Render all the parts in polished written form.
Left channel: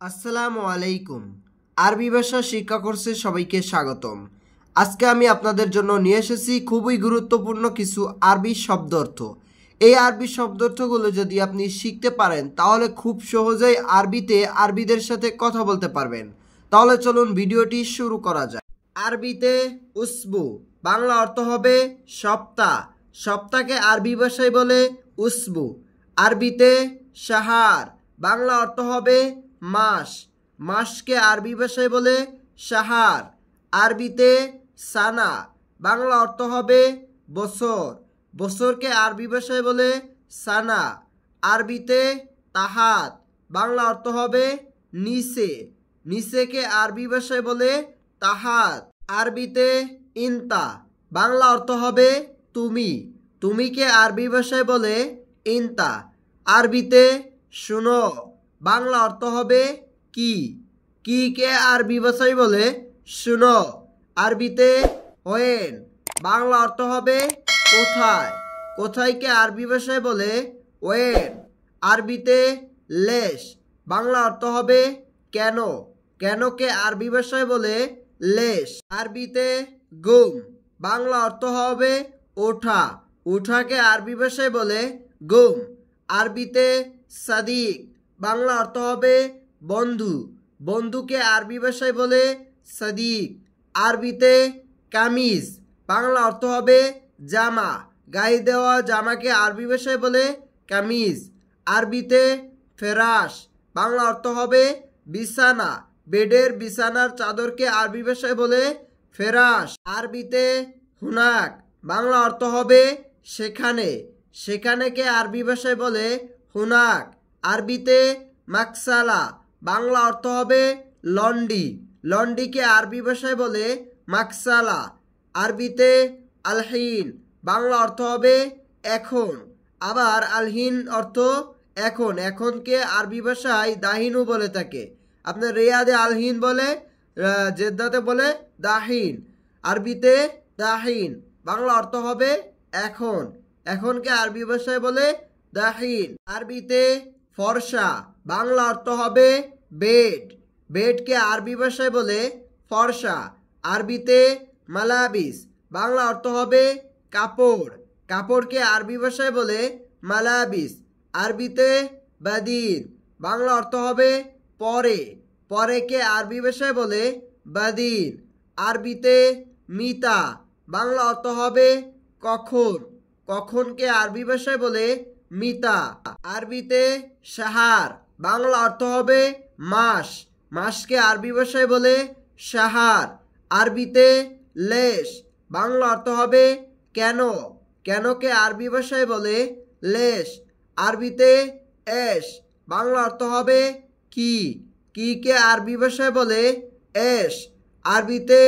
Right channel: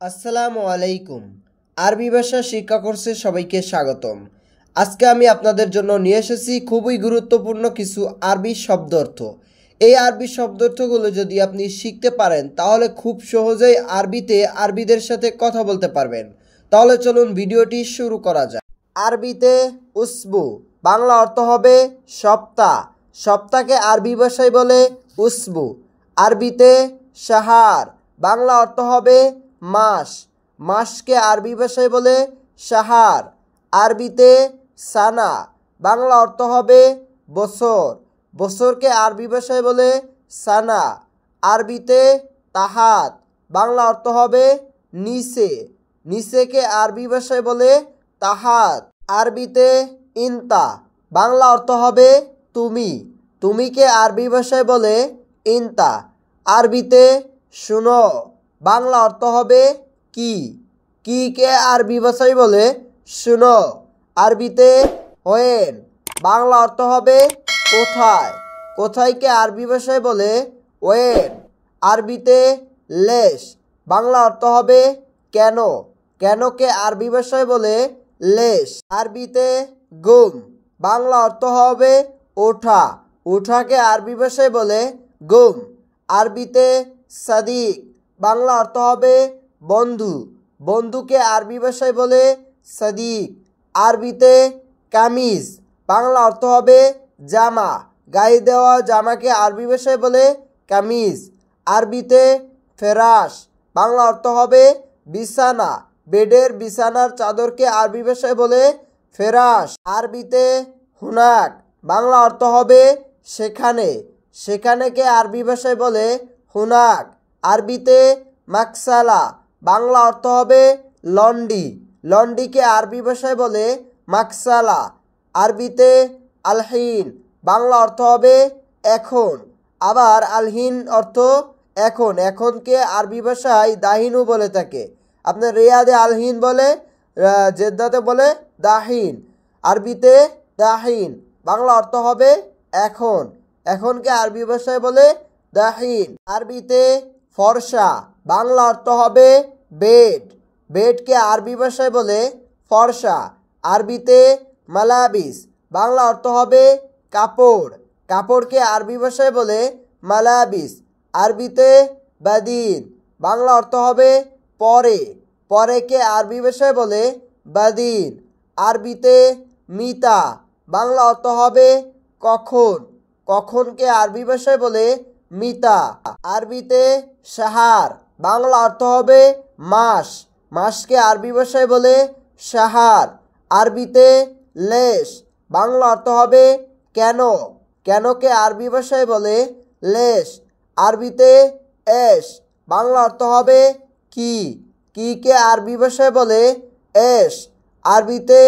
আসসালামু আলাইকুম। আরবি ভাষা শিক্ষা কোর্সে সবাইকে স্বাগতম। আজকে আমি আপনাদের জন্য নিয়ে এসেছি খুবই গুরুত্বপূর্ণ কিছু আরবি শব্দার্থ। এই আরবি শব্দার্থগুলো যদি আপনি শিখতে পারেন তাহলে খুব সহজেই আরবিতে আরবিদের সাথে কথা বলতে পারবেন। তাহলে চলুন ভিডিওটি শুরু করা যাক। আরবিতে উসবু, বাংলা অর্থ হবে সপ্তাহ। সপ্তাহকে আরবি ভাষায় বলে উসবু। আরবিতে শাহার, বাংলা অর্থ হবে মাস। মাসকে আরবি ভাষায় বলে শাহার। আরবিতে সানা, বাংলা অর্থ হবে বছর। বছরকে আরবি ভাষায় বলে সানা। আরবিতে তাহাত, বাংলা অর্থ হবে নিচে। নিচেকে আরবি ভাষায় বলে তাহাত। আরবিতে ইনতা, বাংলা অর্থ হবে তুমি। তুমিকে আরবি ভাষায় বলে ইনতা। আরবিতে শুনো, বাংলা অর্থ হবে কি। কিকে আরবি ভাষায় বলে শুনো। আরবিতে হোয়েন, বাংলা অর্থ হবে কোথায়। কোথায়কে আরবি ভাষায় বলে ওয়েন। আরবিতে লেশ, বাংলা অর্থ হবে কেন। কেনকে আরবি ভাষায় বলে লেশ। আরবিতে গুম, বাংলা অর্থ হবে ওঠা। ওঠাকে আরবি ভাষায় বলে গুম। আরবিতে সাদিক, বাংলা অর্থ হবে বন্ধু। বন্ধুকে আরবি ভাষায় বলে সাদিক। আরবিতে কামিজ, বাংলা অর্থ হবে জামা। গায়ে দেওয়া জামাকে আরবি ভাষায় বলে কামিজ। আরবিতে ফেরাশ, বাংলা অর্থ হবে বিছানা। বেডের বিছানার চাদরকে আরবি ভাষায় বলে ফেরাশ। আরবিতে হুনাক, বাংলা অর্থ হবে সেখানে। সেখানেকে আরবি ভাষায় বলে হুনাক। আরবিতে মাকসালা, বাংলা অর্থ হবে লন্ডি। লন্ডিকে আরবি ভাষায় বলে মাকসালা। আরবিতে আলহিন, বাংলা অর্থ হবে এখন। আবার আলহিন অর্থ এখন। এখনকে আরবি ভাষায় দাহিনু বলে থাকে। আপনার রিয়াদে আলহিন বলে, জেদ্দাতে বলে দাহিন। আরবিতে দাহিন, বাংলা অর্থ হবে এখন। এখনকে আরবি ভাষায় বলে দাহিন। আরবিতে ফর্সা, বাংলা অর্থ হবে বেড। বেডকে আরবি ভাষায় বলে ফর্সা। আরবিতে মালাবিস, বাংলা অর্থ হবে কাপড়। কাপড়কে আরবি ভাষায় বলে মালাবিস। আরবিতে বাদিন, বাংলা অর্থ হবে পরে। পরেকে আরবি ভাষায় বলে বাদিন। আরবিতে মিতা, বাংলা অর্থ হবে কখন। কখনকে আরবি ভাষায় বলে মিতা। আরবিতে সাহার, বাংলা অর্থ হবে মাস। মাসকে আরবি ভাষায় বলে সাহার। আরবিতে লেশ, বাংলা অর্থ হবে কেন। কেনকে আরবি ভাষায় বলে লেশ। আরবিতে এশ, বাংলা অর্থ হবে কি। কিকে আরবি ভাষায় বলে এশ। আরবিতে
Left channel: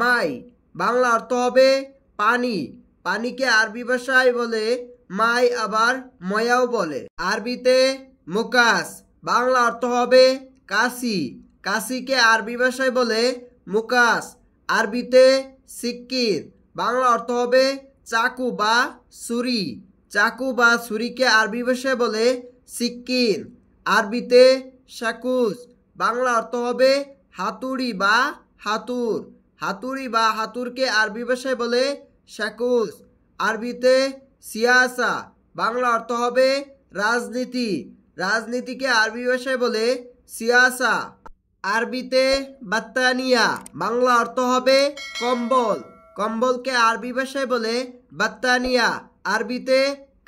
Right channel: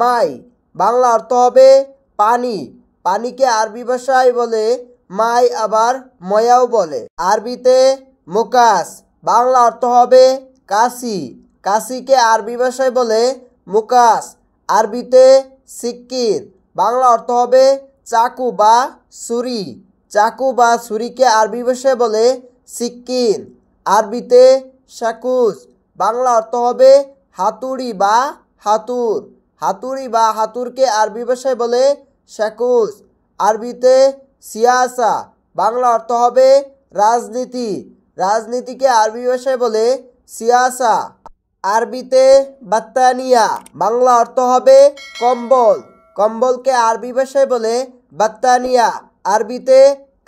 মাই, বাংলা অর্থ হবে পানি। পানিকে আরবি ভাষায় বলে মাই, আবার ময়াও বলে। আরবিতে মুকাস, বাংলা অর্থ হবে কাশি। কাশিকে আরবি ভাষায় বলে মুকাস। আরবিতে সিক্কির, বাংলা অর্থ হবে চাকু বা ছুরি। চাকু বা ছুরিকে আরবি ভাষায় বলে সিক্কিন। আরবিতে শাকুস, বাংলা অর্থ হবে হাতুড়ি বা হাতুর। হাতুড়ি বা হাতুরকে আরবি ভাষায় বলে শাকুস। আরবিতে সিয়াসা, বাংলা অর্থ হবে রাজনীতি। রাজনীতিকে আরবি ভাষায় বলে সিয়াসা। আরবিতে বাত্তানিয়া, বাংলা অর্থ হবে কম্বল। কম্বলকে আরবি ভাষায় বলে বাত্তানিয়া। আরবিতে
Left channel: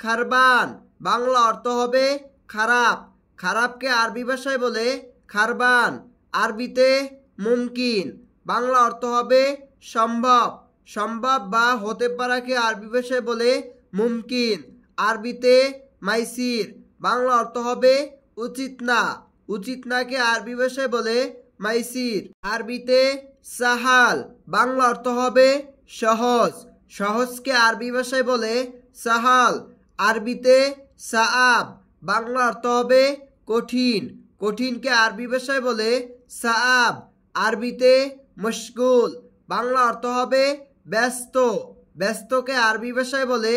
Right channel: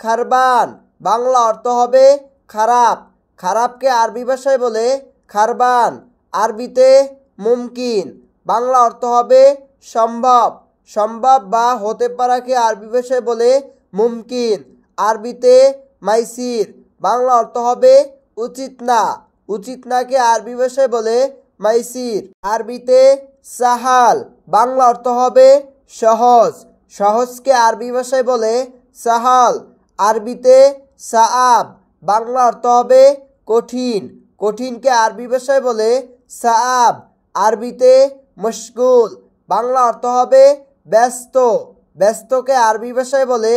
খারবান, বাংলা অর্থ হবে খারাপ। খারাপকে আরবি ভাষায় বলে খারবান। আরবিতে মুমকিন, বাংলা অর্থ হবে সম্ভব। সম্ভব বা হতে পারাকে আরবি ভাষায় বলে মুমকিন। আরবিতে মাইসির, বাংলা অর্থ হবে উচিত না। উচিত নাকে আরবি ভাষায় বলে মাইসির। আরবিতে সাহাল, বাংলা অর্থ হবে সহজ। সহজকে আরবি ভাষায় বলে সাহাল। আরবিতে সাআব, বাংলা অর্থ হবে কঠিন। কঠিনকে আরবি ভাষায় বলে সাআব। আরবিতে মুশগুল, বাংলা অর্থ হবে ব্যস্ত। ব্যস্তকে আরবি ভাষায় বলে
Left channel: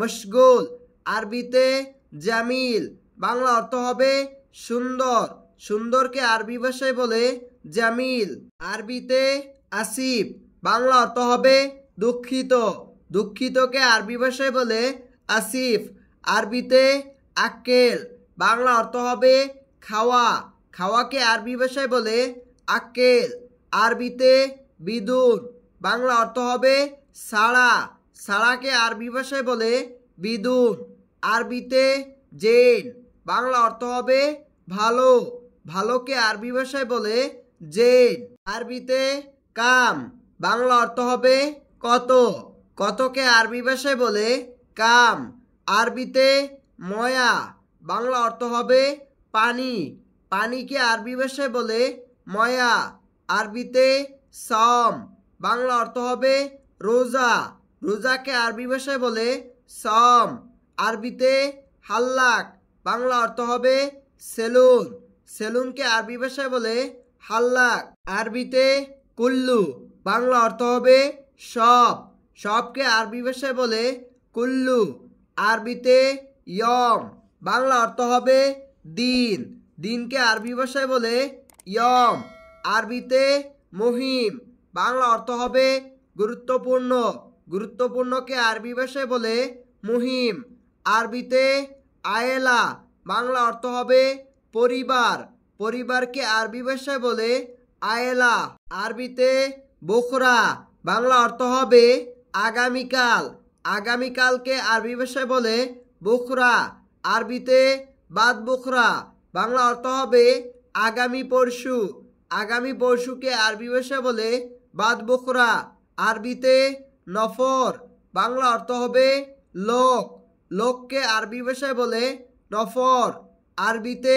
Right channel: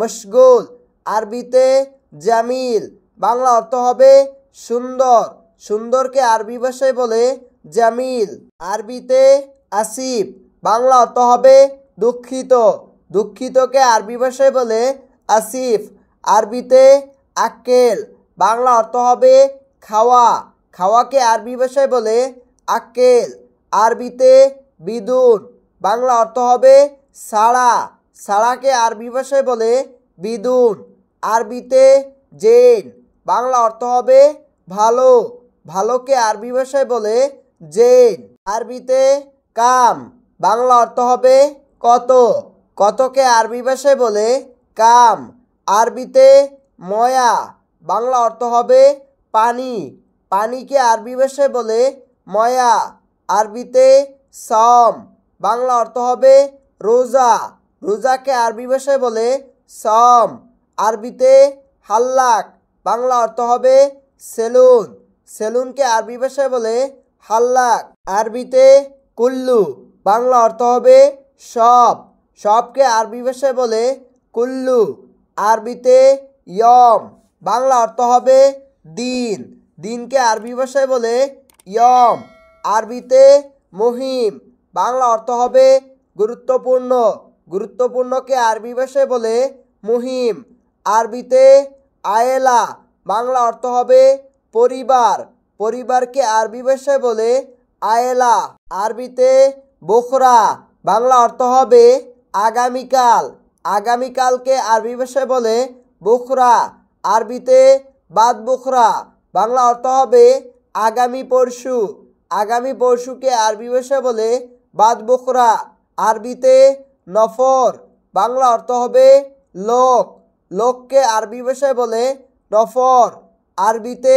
মুশগুল। আরবিতে জামিল, বাংলা অর্থ হবে সুন্দর। সুন্দরকে আরবি ভাষায় বলে জামিল। আরবিতে আসিফ বাংলা অর্থ হবে দুঃখিত, দুঃখিতকে আরবি ভাষায় বলে আসিফ। আরবিতে আক্কেল বাংলা অর্থ হবে খাওয়া, খাওয়াকে আরবি ভাষায় বলে আক্কেল। আরবিতে বিদুন বাংলা অর্থ হবে সাড়া, সাড়াকে আরবি ভাষায় বলে বিদুন। আরবিতে জেন বাংলা অর্থ হবে ভালো, ভালোকে আরবি ভাষায় বলে জেন। আরবিতে কাম বাংলা অর্থ হবে কত, কতকে আরবি ভাষায় বলে কাম। আরবিতে ময়া বাংলা অর্থ হবে পানি, পানিকে আরবি ভাষায় বলে ময়া। আরবিতে সম বাংলা অর্থ হবে রোজা, রোজাকে আরবি ভাষায় বলে সম। আরবিতে হাল্লাক বাংলা অর্থ হবে সেলুন, সেলুনকে আরবি ভাষায় বলে হাল্লাক। আরবিতে কুল্লু বাংলা অর্থ হবে সব, সবকে আরবি ভাষায় বলে কুল্লু। আরবিতে ইয়ম বাংলা অর্থ হবে দিন, দিনকে আরবি ভাষায় বলে ইয়ম। আরবিতে মুহিম বাংলা অর্থ হবে গুরুত্বপূর্ণ, গুরুত্বপূর্ণকে আরবি ভাষায় বলে মুহিম। আরবিতে আয়েলা বাংলা অর্থ হবে পরিবার, পরিবারকে আরবি ভাষায় বলে আয়েলা। আরবিতে বুখরা বাংলা অর্থ হবে আগামীকাল, আগামীকালকে আরবি ভাষায় বলে বুখরা। আরবিতে বাদ বুখরা বাংলা অর্থ হবে আগামী পরশু, আগামী পরশুকে আরবি ভাষায় বলে বাদ বুখরা। আরবিতে নফর বাংলা অর্থ হবে লোক, লোককে আরবি ভাষায় বলে নফর। আরবিতে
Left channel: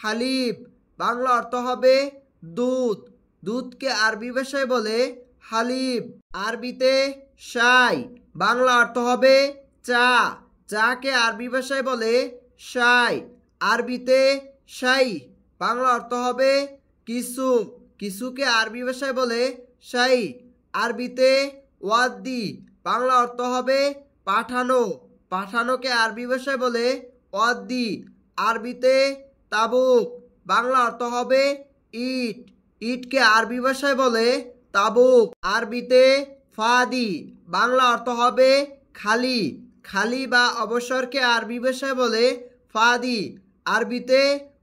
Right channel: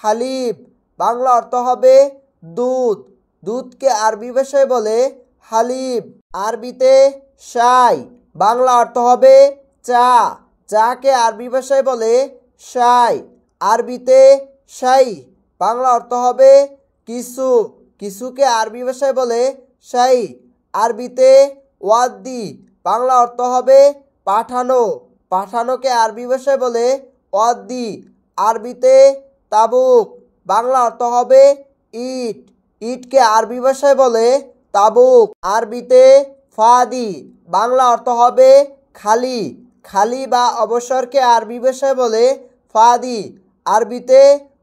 হালিব বাংলা অর্থ হবে দুধ, দুধকে আরবি ভাষায় বলে হালিব। আরবিতে শাই বাংলা অর্থ হবে চা, চাকে আরবি ভাষায় বলে শাই। আরবিতে শাই বাংলা অর্থ হবে কিছু, কিছুকে আরবি ভাষায় বলে শাই। আরবিতে ওয়াদ্দি বাংলা অর্থ হবে পাঠানো, পাঠানোকে আরবি ভাষায় বলে ওয়াদ্দি। আরবিতে তাবুক বাংলা অর্থ হবে ইট, ইটকে আরবি ভাষায় বলে তাবুক। আরবিতে ফাদি বাংলা অর্থ হবে খালি, খালি বা অবসরকে আরবি ভাষায় বলে ফাদি। আরবিতে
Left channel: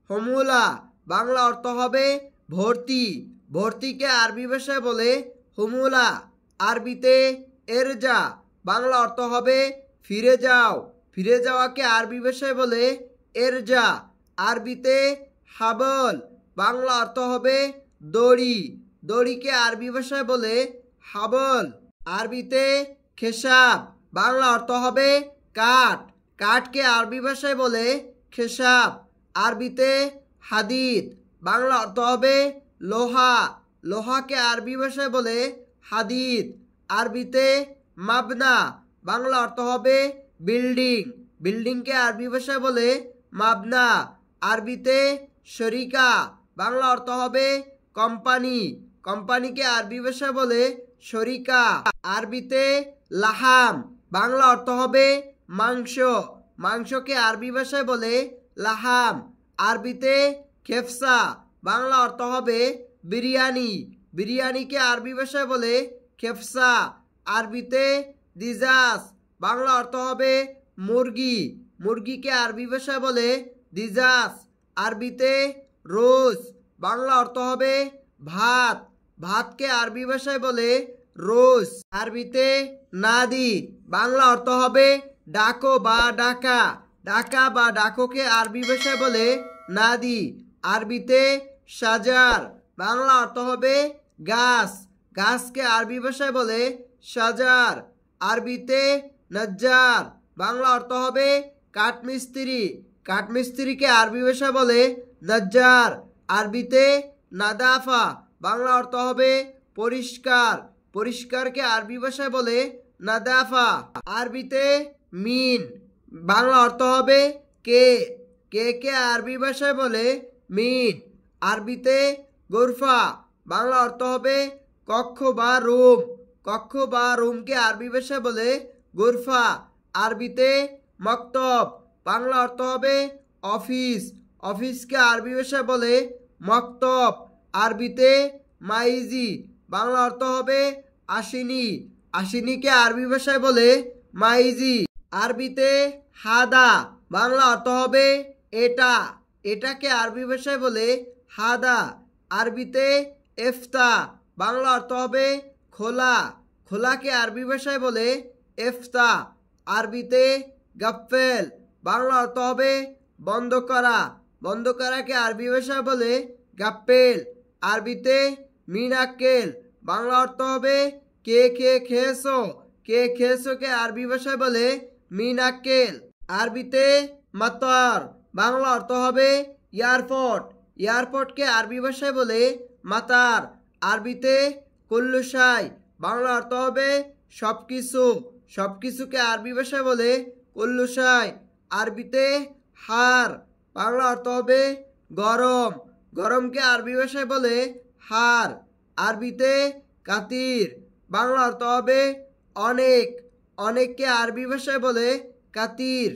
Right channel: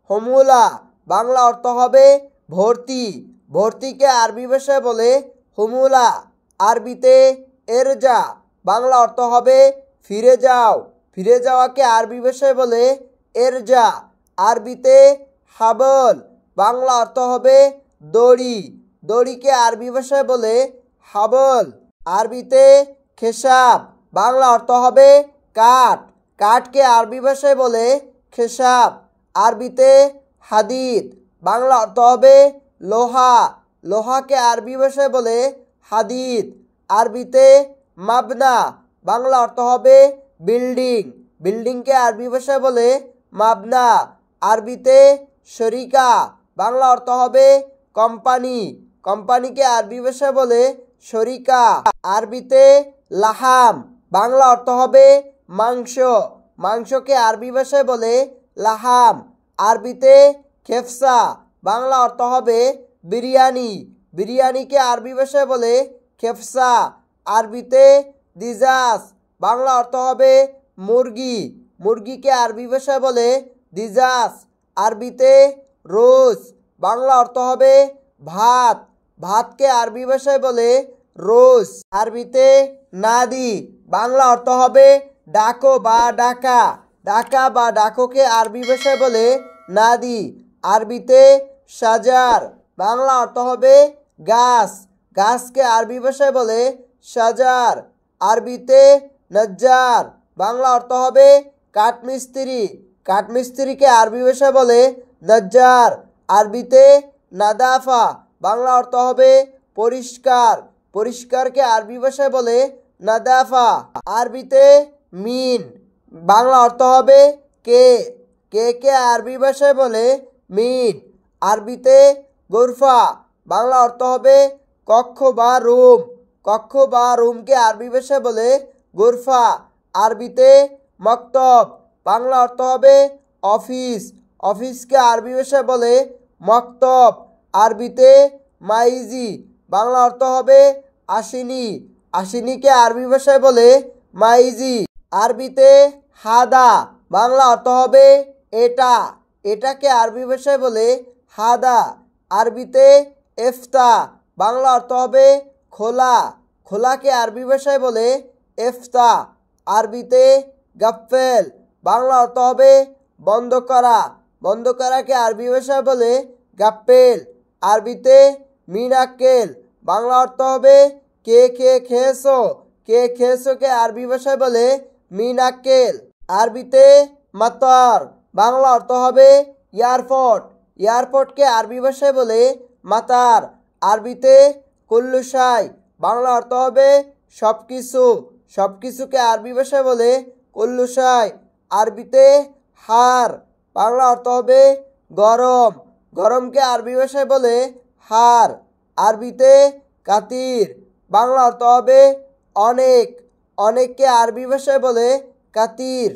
হমুলা বাংলা অর্থ হবে ভর্তি, ভর্তিকে আরবি ভাষায় বলে হুমুলা। আরবিতে এরজা বাংলা অর্থ হবে ফিরে যাও, ফিরে যাওয়াকে আরবি ভাষায় বলে এরজা। আরবিতে হাবল বাংলা অর্থ হবে দড়ি, দড়িকে আরবি ভাষায় বলে হাবল। আরবিতে খেসাব বাংলা অর্থ হবে কাঠ, কাঠকে আরবি ভাষায় বলে খেসাব। আরবিতে হাদিদ বাংলা অর্থ হবে লোহা, লোহাকে আরবি ভাষায় বলে হাদিদ। আরবিতে মাবনা বাংলা অর্থ হবে বিল্ডিং, বিল্ডিংকে আরবি ভাষায় বলে মাবনা। আরবিতে শরিকা বাংলা অর্থ হবে কোম্পানি, কোম্পানিকে আরবি ভাষায় বলে শরিকা। আরবিতে লাহাম বাংলা অর্থ হবে মাংস, মাংসকে আরবি ভাষায় বলে লাহাম। আরবিতে খেফসা বাংলা অর্থ হবে বিরিয়ানি, বিরিয়ানিকে আরবি ভাষায় বলে খেফসা। আরবিতে দিজাস বাংলা অর্থ হবে মুরগি, মুরগিকে আরবি ভাষায় বলে দিজাস। আরবিতে রোজ বাংলা অর্থ হবে ভাত, ভাতকে আরবি ভাষায় বলে রোজ। আরবিতে নাদি বাংলা অর্থ হবে ডাকো বা ডাকা, ডাকা বা ডাকোকে আরবি ভাষায় বলে নাদি। আরবিতে সাজার বাংলা অর্থ হবে গাছ, গাছকে আরবি ভাষায় বলে সাজার। আরবিতে নজ্জার বাংলা অর্থ হবে কাঠমিস্ত্রি, কাঠমিস্ত্রিকে আরবি ভাষায় বলে নজ্জার। আরবিতে নাদাফা বাংলা অর্থ হবে পরিষ্কার, পরিষ্কারকে আরবি ভাষায় বলে নাদাফা। আরবিতে মিন বাংলা অর্থ হবে কে, কে আরবি ভাষায় বলে মিন। আরবিতে গোরফা বাংলা অর্থ হবে কক্ষ বা রুম, কক্ষ বা রুমকে আরবি ভাষায় বলে গোরফা। আরবিতে মক্তব বাংলা অর্থ হবে অফিস, অফিসকে আরবি ভাষায় বলে মক্তব, আরবিতে মাইজি, বাংলা অর্থ হবে আসিনি। আসিনিকে আরবি ভাষায় বলে মাইজি। আরবিতে হাদা, বাংলা অর্থ হবে এটা। এটাকে আরবি ভাষায় বলে হাদা। আরবিতে ইফতা, বাংলা অর্থ হবে খোলা। খোলাকে আরবি ভাষায় বলে ইফতা। আরবিতে গাফেল, বাংলা অর্থ হবে বন্ধ করা। বন্ধ করাকে আরবি ভাষায় বলে গাপ্পেল। আরবিতে মিনাক্কেল, বাংলা অর্থ হবে কে কে খেয়েছো। কে খেয়েছোকে আরবি ভাষায় বলে মিনাক্কেল। আরবিতে মাতার, বাংলা অর্থ হবে এয়ারপোর্ট। এয়ারপোর্টকে আরবি ভাষায় বলে মাতার। আরবিতে কুল্লুশাই, বাংলা অর্থ হবে সবকিছু। সবকিছুকে আরবি ভাষায় বলে কুল্লুশাই। আরবিতে হার, বাংলা অর্থ হবে গরম। গরমকে আরবি ভাষায় বলে হার। আরবিতে কাতির, বাংলা অর্থ হবে অনেক। অনেককে আরবি ভাষায় বলে কাতির।